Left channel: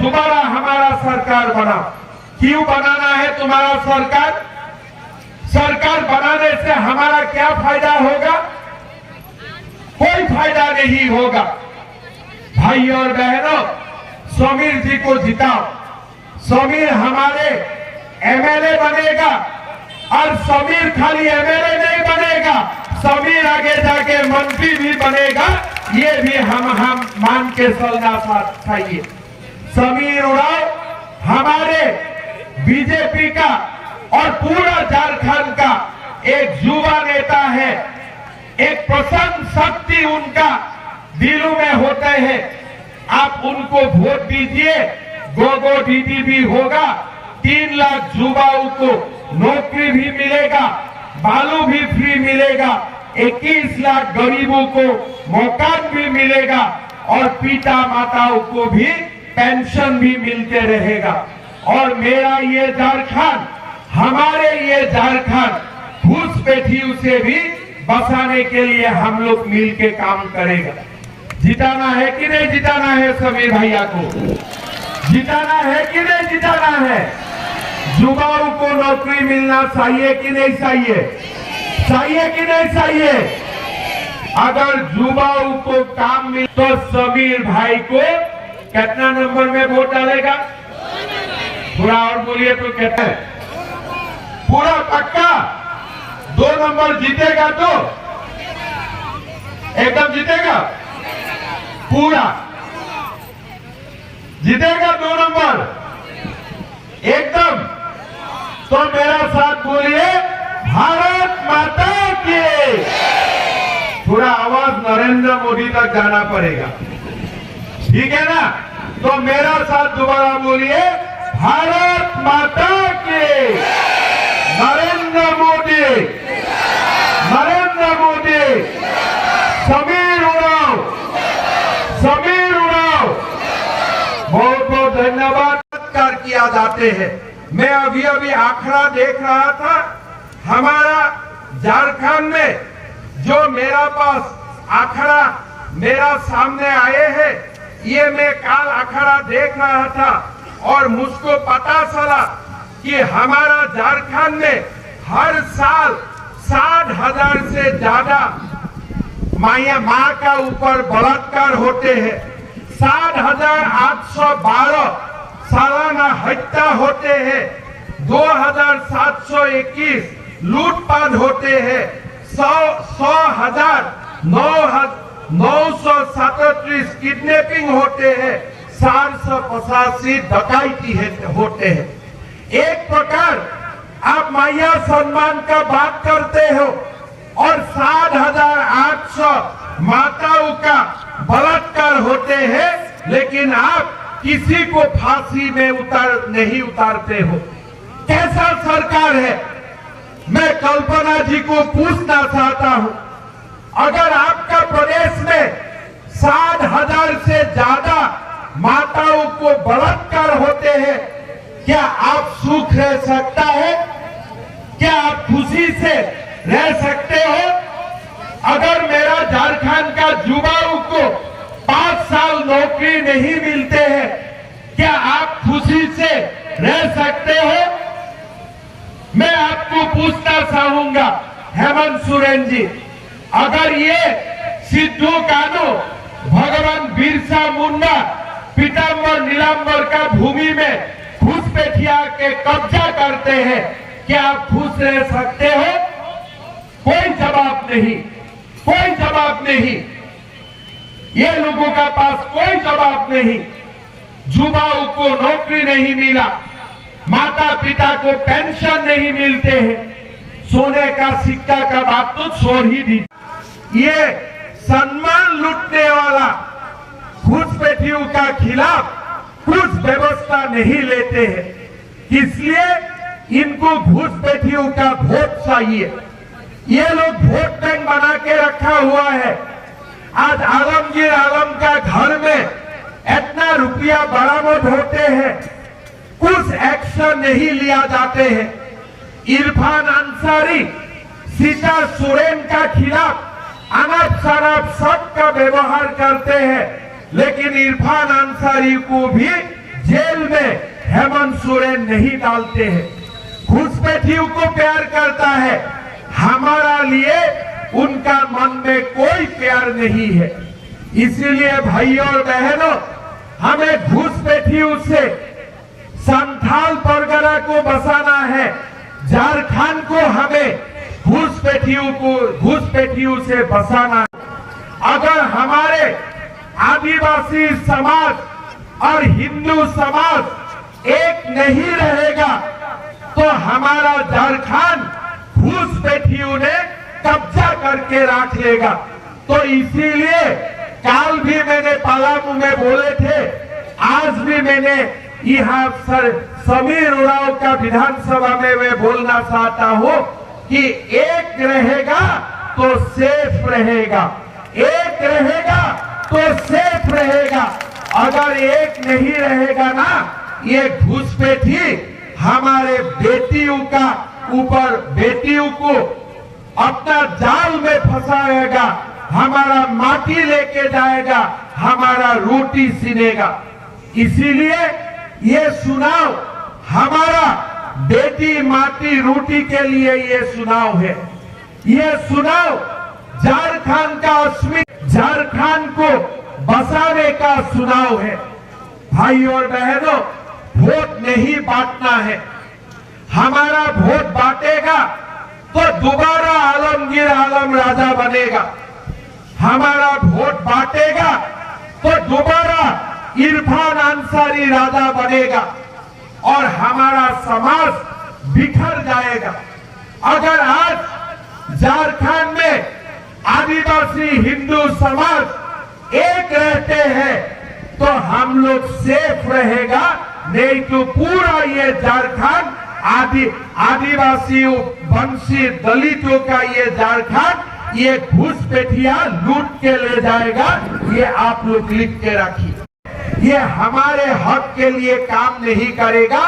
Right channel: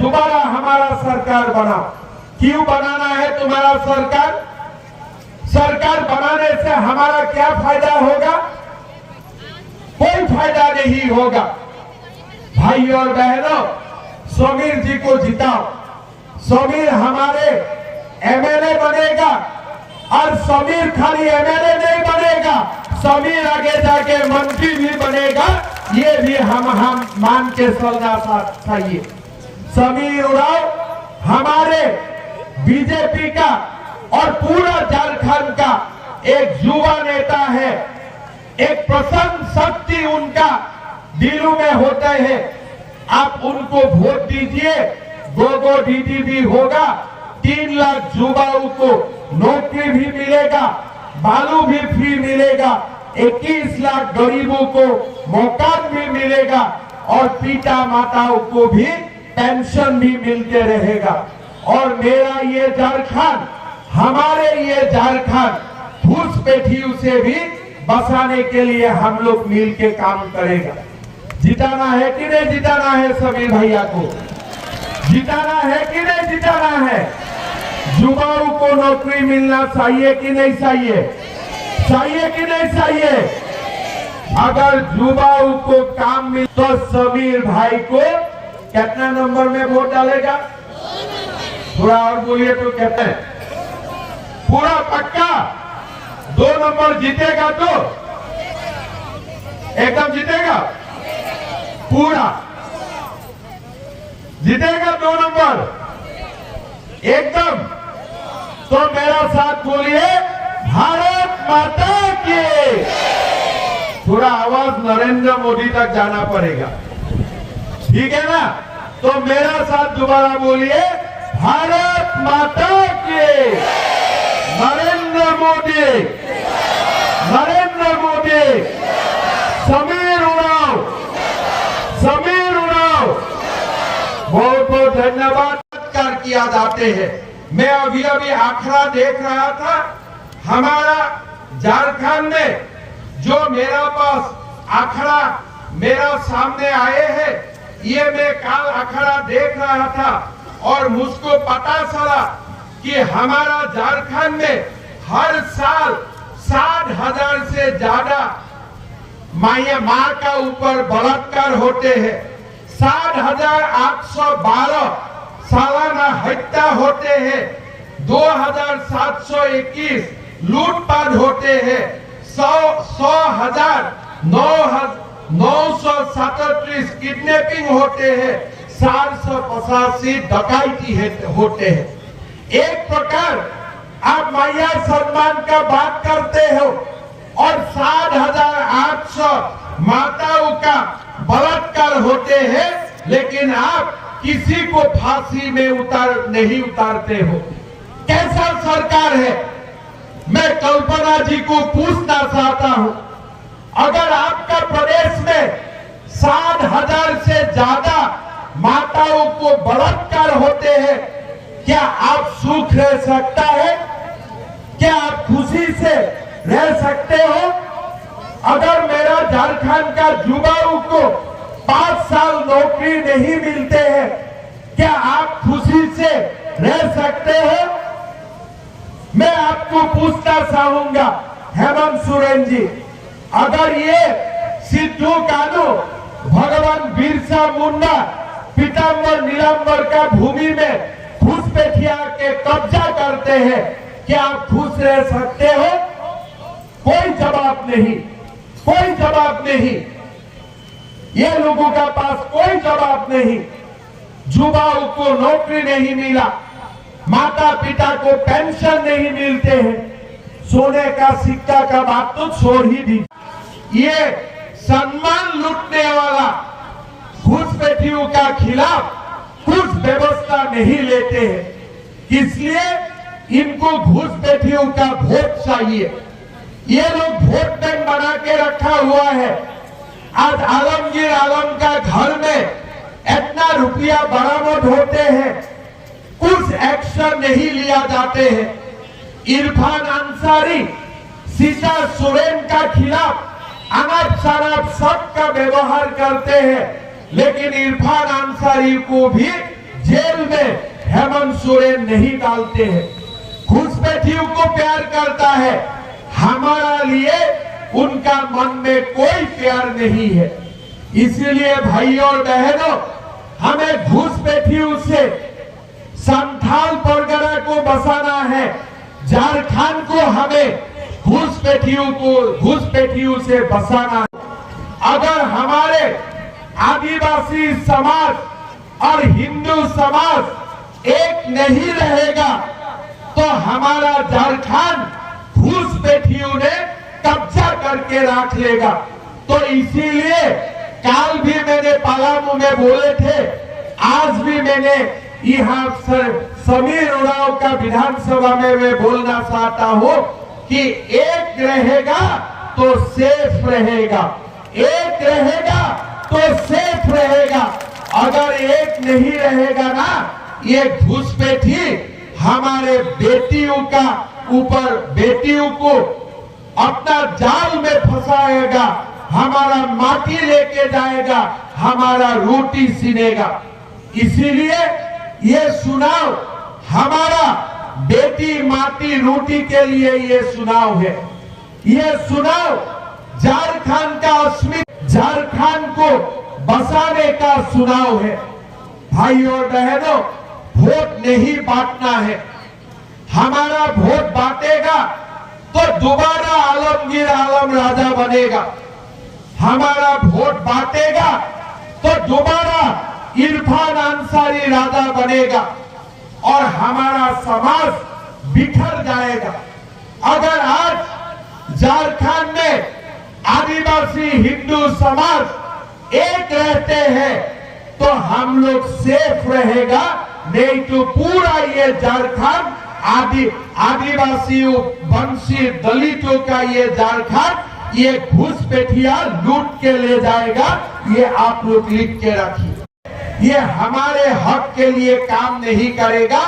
दोबारा हमारा सरकार बना। क्यों बनाना है तुम्हारा सरकार? सरकार बनाने से हमारा क्या फायदा होगा? कोई फायदा नहीं होगा। भाई और बहनों, समीर जी को जिताओ। समीर हमारे एमएलए बनेगा और समीर खाली एमएलए नहीं बनेगा, समीर आगे जाके मंत्री भी बनेगा। ये भी हम मान के चलना चाहिए। समीर उरांव हमारे बीजेपी का और पूरा झारखंड का एक युवा नेता है। एक प्रसन्न शक्ति उनका दिलों में होते हैं। आप उनको वोट दीजिए। गोगो दीदी भी होगा, 3 लाख युवाओं को नौकरी भी मिलेगा, बालू भी फ्री मिलेगा, 21 लाख गरीबों को मकान भी मिलेगा और पिता माताओं को भी पेंशन भी मिलते रहेगा। और मेरा ये झारखंड, हमारे ये झारखंड घुसपैठियों से भी बचाने के लिए हम लोग मिलके काम करेगा। जिताना है कि नहीं जिताना है? सभी भैया को जिताना है कि नहीं जिताना है? युवाओं को नौकरी मिलना चाहिए कि नहीं चाहिए? चाहिए कि नहीं चाहिए? अगर युवाओं को काम मिले तो समीर भाई को कितना नंबर में वोट डालेगा? थोड़ा और बोलिए तो कहते हैं पूरा पक्का 2 नंबर जीतेगा तो एकदम जीतेगा, पूरा जीतेगा 2 नंबर एकदम। तो मेरा साथ बोलिए, भारत माता की। पूरा आवाज नरेंद्र मोदी तक जाना पड़ेगा, ठीक है ना? तो मेरा साथ दोबारा बोलिए, भारत माता की। नरेंद्र मोदी, नरेंद्र मोदी, समीर उरांव, समीर उरांव। बहुत बहुत धन्यवाद किया जाते हैं। मैं अभी आंकड़ा देख रहा था, हमारा झारखंड में जो मेरा पास आंकड़ा मेरा सामने आए हैं, ये मैं काल आंकड़ा देख रहा था और मुझको पता चला कि हमारा झारखंड में हर साल 60,000 से ज्यादा माँ का ऊपर बलात्कार होते हैं। 60,812 सालाना हत्या होते हैं। 2,721 लूटपाट होते हैं। 100,937 किडनैपिंग होते हैं। 485 डकैती होते हैं। एक प्रकार आप मैया सम्मान का बात करते हो और 60,800 माताओं का बलात्कार होते हैं, लेकिन आप किसी को फांसी में नहीं उतारते हो। कैसा सरकार है? मैं कल्पना जी को पूछना चाहता हूं, अगर आपका प्रदेश में 60,000 से ज्यादा माताओं को बलात्कार होते हैं, क्या आप सुख रह सकता है? क्या आप खुशी से रह सकते हो? अगर मेरा झारखंड का युवाओं को 5 साल नौकरी नहीं मिलते हैं, क्या आप खुशी से रह सकते हो? मैं आपको पूछना चाहूंगा, हेमंत सोरेन जी, अगर ये सिद्धू कानू भगवान बिरसा मुंडा पीताम्बर नीलांबर का भूमि में घुसपैठिया के कब्जा करते हैं, क्या आप खुश रह सकते हो? कोई जवाब नहीं, कोई जवाब नहीं। ये लोगों का पास कोई जवाब नहीं। युवाओं को नौकरी नहीं मिला, माता पिता को पेंशन नहीं मिलते हैं, सोने का सिक्का का बात तो छोड़ ही दी। ये सम्मान लूटने वाला घुसपैठियों का खिलाफ कुछ व्यवस्था नहीं लेते हैं, इसलिए इनको घुसपैठियों का वोट चाहिए। ये लोग वोट बैंक बना के रखा हुआ है। आज आलमगीर आलम का घर में इतना रुपया बरामद होते हैं, कुछ एक्शन नहीं लिया जाते हैं। इरफान अंसारी सीता सोरेन का खिलाफ अनाप शराब सबका व्यवहार करते हैं, लेकिन इरफान अंसारी को भी जेल में हेमंत सोरेन नहीं डालते हैं। घुसपैठियों को प्यार करता है, हमारा लिए उनका मन में कोई प्यार नहीं है। इसीलिए भाइयों और बहनों, हमें घुसपैठियों से संथाल परगना को बसाना है। झारखंड को हमें घुसपैठियों से बसाना है। अगर हमारे आदिवासी समाज और हिंदू समाज एक नहीं रहेगा तो हमारा झारखंड घुसपैठियों ने कब्जा करके रख लेगा। तो इसीलिए काल भी मैंने पलामू में बोले थे, आज भी मैंने यहाँ समीर उरांव का विधानसभा में मैं बोलना चाहता हूँ कि एक रहेगा तो सेफ रहेगा, एक रहेगा तो सेफ रहेगा। अगर एक नहीं रहेगा ना, ये घुसपैठी हमारे बेटियों का ऊपर बेटियों को अपना जाल में फंसाएगा, हमारा माटी लेके जाएगा, हमारा रोटी सीनेगा। इसीलिए ये चुनाव हमारा बेटी माटी रोटी के लिए ये चुनाव है। ये चुनाव झारखंड का अस्मिता, झारखंड को बसाने का चुनाव है। भाइयों और बहनों, वोट नहीं बांटना है। हमारा वोट बांटेगा तो दोबारा आलमगीर आलम राजा बनेगा। हमारा वोट बांटेगा तो दोबारा इरफान अंसारी राजा बनेगा और हमारा समाज बिखर जाएगा। अगर आज झारखंड में आदिवासी हिंदू समाज एक रहते हैं तो हम लोग सेफ रहेगा, नहीं तो पूरा ये झारखंड आदिवासी वंशी दलितों का ये झारखंड ये घुसपैठिया लूट के ले जाएगा। ये आप लोग लिख के रखिए। ये हमारे हक के लिए काम नहीं करेगा,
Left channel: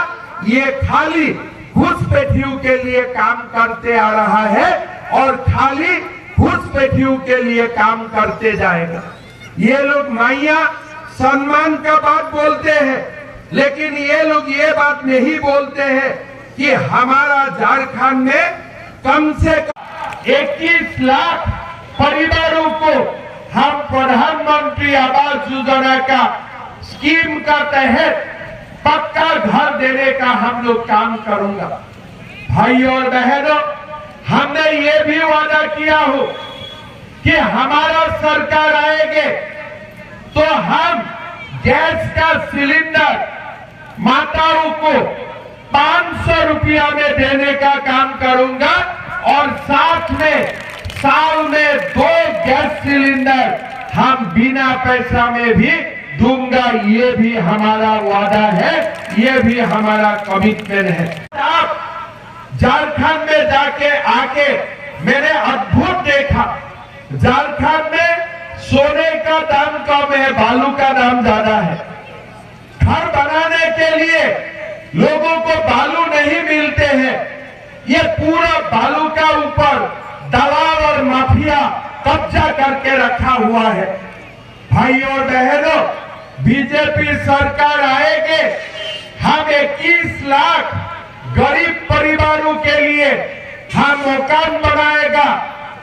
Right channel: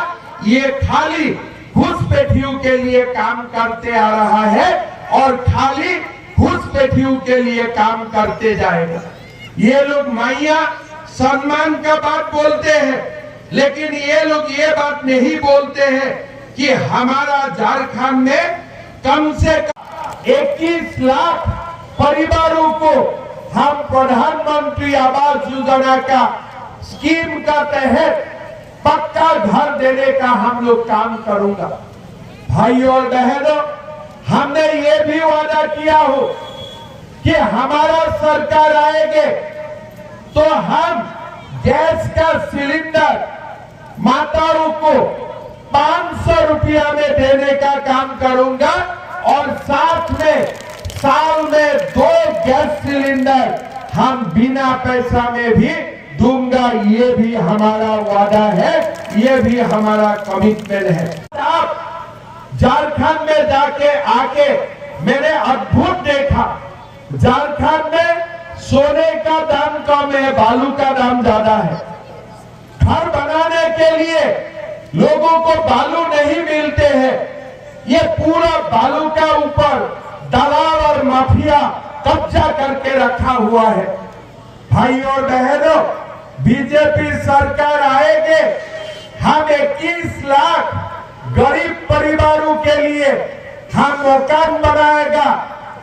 ये खाली घुसपैठियों के लिए काम करते आ रहा है और खाली घुसपैठियों के लिए काम करते जाएगा। ये लोग माइया सम्मान का बात बोलते हैं, लेकिन ये लोग ये बात नहीं बोलते हैं कि हमारा झारखंड में कम से कम 21 लाख परिवारों को हम प्रधानमंत्री आवास योजना का स्कीम का तहत पक्का घर देने का हम लोग काम करूंगा। भाइयों और बहनों, हमने ये भी वादा किया हो कि हमारा सरकार आएंगे तो हम गैस का सिलेंडर माताओं को 500 रुपया में देने का काम करूंगा और साथ में साल में 2 गैस सिलेंडर हम बिना पैसा में भी दूंगा। ये भी हमारा वादा है, ये भी हमारा कमिटमेंट है। आप झारखंड में जाके आके मैंने अद्भुत देखा, झारखंड में सोने का दाम कम है, बालू का दाम ज्यादा है। घर बनाने के लिए लोगों को बालू नहीं मिलते हैं। ये पूरा बालू का ऊपर दलाल और माफिया कब्जा करके रखा हुआ है। भाइयों और बहनों, बीजेपी सरकार आएगे, हम 21 लाख गरीब परिवारों के लिए हम मकान बनाएगा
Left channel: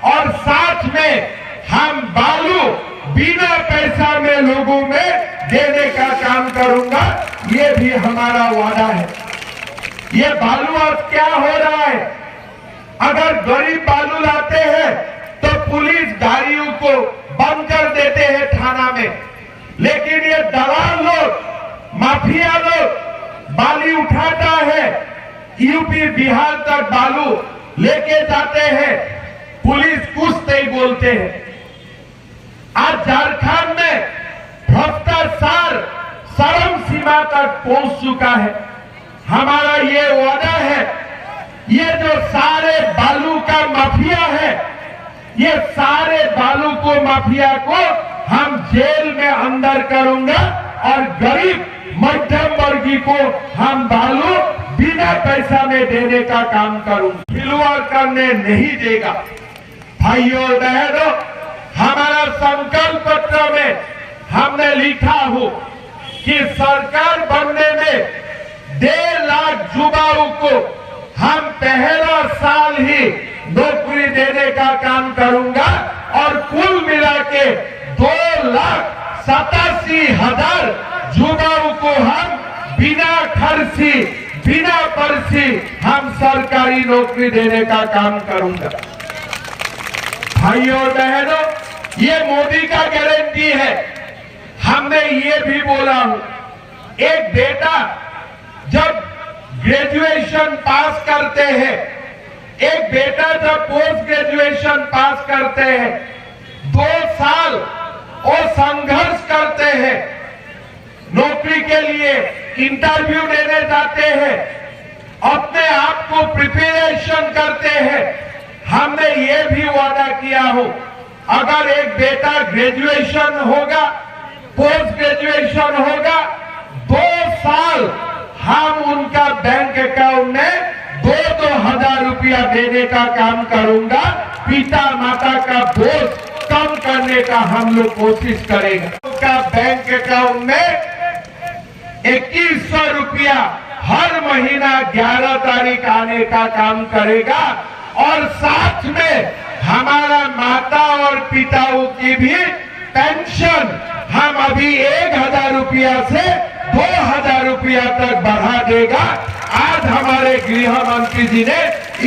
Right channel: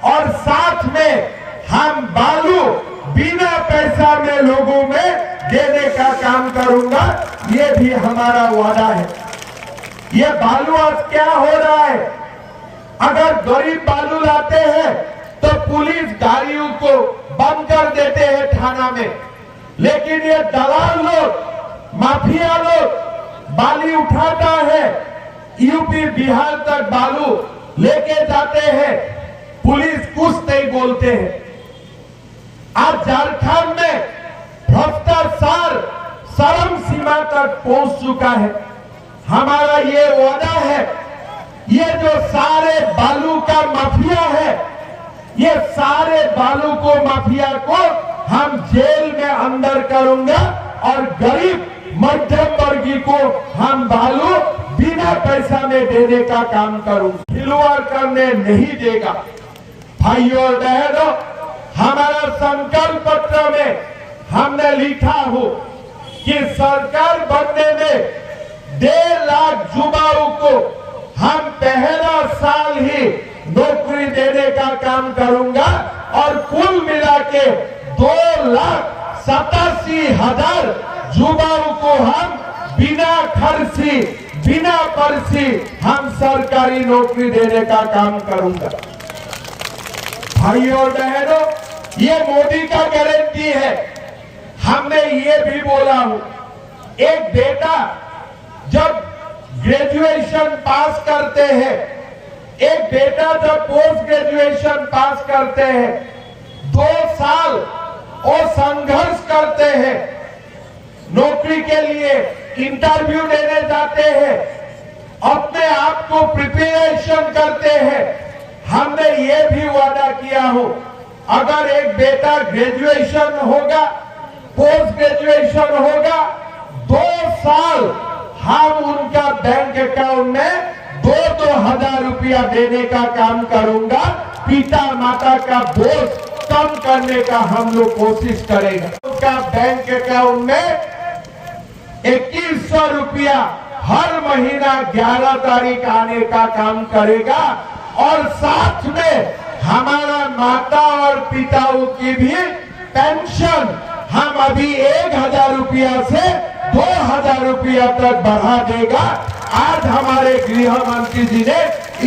और साथ में हम बालू बिना पैसा में लोगों में देने का काम करूंगा। ये भी हमारा वादा है। ये बालू आज क्या हो रहा है, अगर गरीब बालू लाते हैं तो पुलिस गाड़ियों को बंद कर देते हैं थाना में, लेकिन ये दलाल लोग माफिया लोग बाली उठाता है, यूपी बिहार तक बालू लेके जाते हैं, पुलिस कुछ नहीं बोलते हैं। आज झारखंड में भ्रष्टाचार चरम सीमा तक पहुंच चुका है। हमारा ये वादा है, ये जो सारे बालू का माफिया है, ये सारे बालू को माफिया को हम जेल में अंदर करूंगा और गरीब मध्यम वर्गीय को हम बालू बिना पैसा में देने का काम करूंगा। खिलवाड़ करने नहीं देगा। भाइयों और बहनों, हमारा संकल्प पत्र में हमने लिखा हो कि सरकार बनने 1.5 लाख युवाओं को हम पहला साल ही नौकरी देने का काम करूंगा और कुल मिला के 2,87,000 युवाओं को हम बिना खर्ची बिना पर्ची हम सरकारी नौकरी देने का काम करूंगा। भाइयों और बहनों, ये मोदी का गारंटी है। हमने ये भी बोला हूं, एक बेटा जब ग्रेजुएशन पास करते हैं, एक बेटा जब पोस्ट ग्रेजुएशन पास करते हैं, 2 साल और संघर्ष करते हैं, नौकरी के लिए इंटरव्यू देने जाते हैं, अपने आप को प्रिपरेशन करते हैं। हमने ये भी वादा किया हो, अगर एक बेटा ग्रेजुएशन होगा, पोस्ट ग्रेजुएशन होगा, 2 साल हम उनका बैंक अकाउंट में 2-2 हजार रुपया देने का काम करूंगा। पिता माता का बोझ कम करने का हम लोग कोशिश करेगा। उनका बैंक अकाउंट में 2100 रुपया हर महीना 11 तारीख आने का काम करेगा और साथ में हमारा माता और पिताओं की भी पेंशन हम अभी 1,000 रुपया से 2,000 रुपया तक बढ़ा देगा। आज हमारे गृह मंत्री जी ने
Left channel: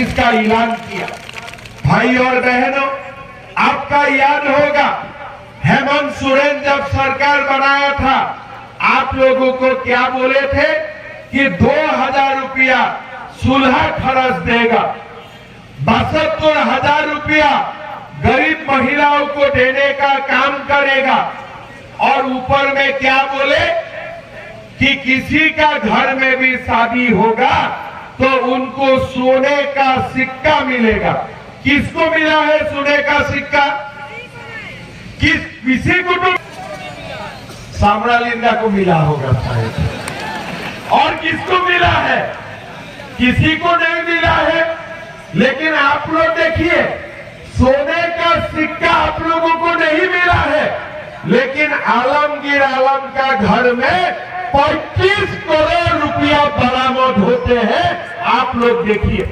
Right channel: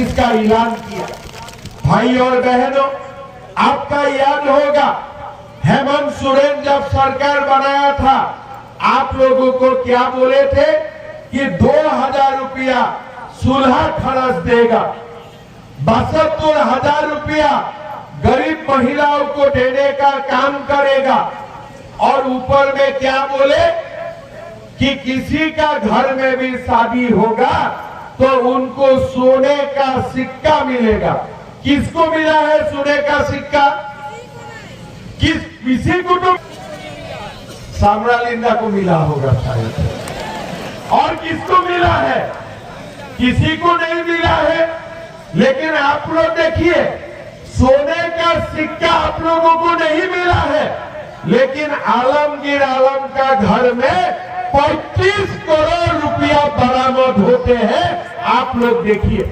इसका ऐलान किया। भाइयों और बहनों, आपका याद होगा, हेमंत सोरेन जब सरकार बनाया था, आप लोगों को क्या बोले थे कि 2,000 रुपया सुलह खर्च देगा, 72,000 रुपया गरीब महिलाओं को देने का काम करेगा और ऊपर में क्या बोले कि किसी का घर में भी शादी होगा तो उनको सोने का सिक्का मिलेगा। किसको मिला है सोने का सिक्का? किसी कुटुंब सामरालिंदा को मिला होगा और किसको मिला है? किसी को नहीं मिला है। लेकिन आप लोग देखिए, सोने का सिक्का आप लोगों को नहीं मिला है, लेकिन आलमगीर आलम का घर में 25 करोड़ रुपया बरामद होते हैं। आप लोग देखिए,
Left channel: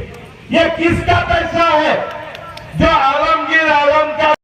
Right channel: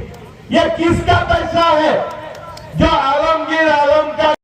ये किसका पैसा है जो आलमगीर आलम का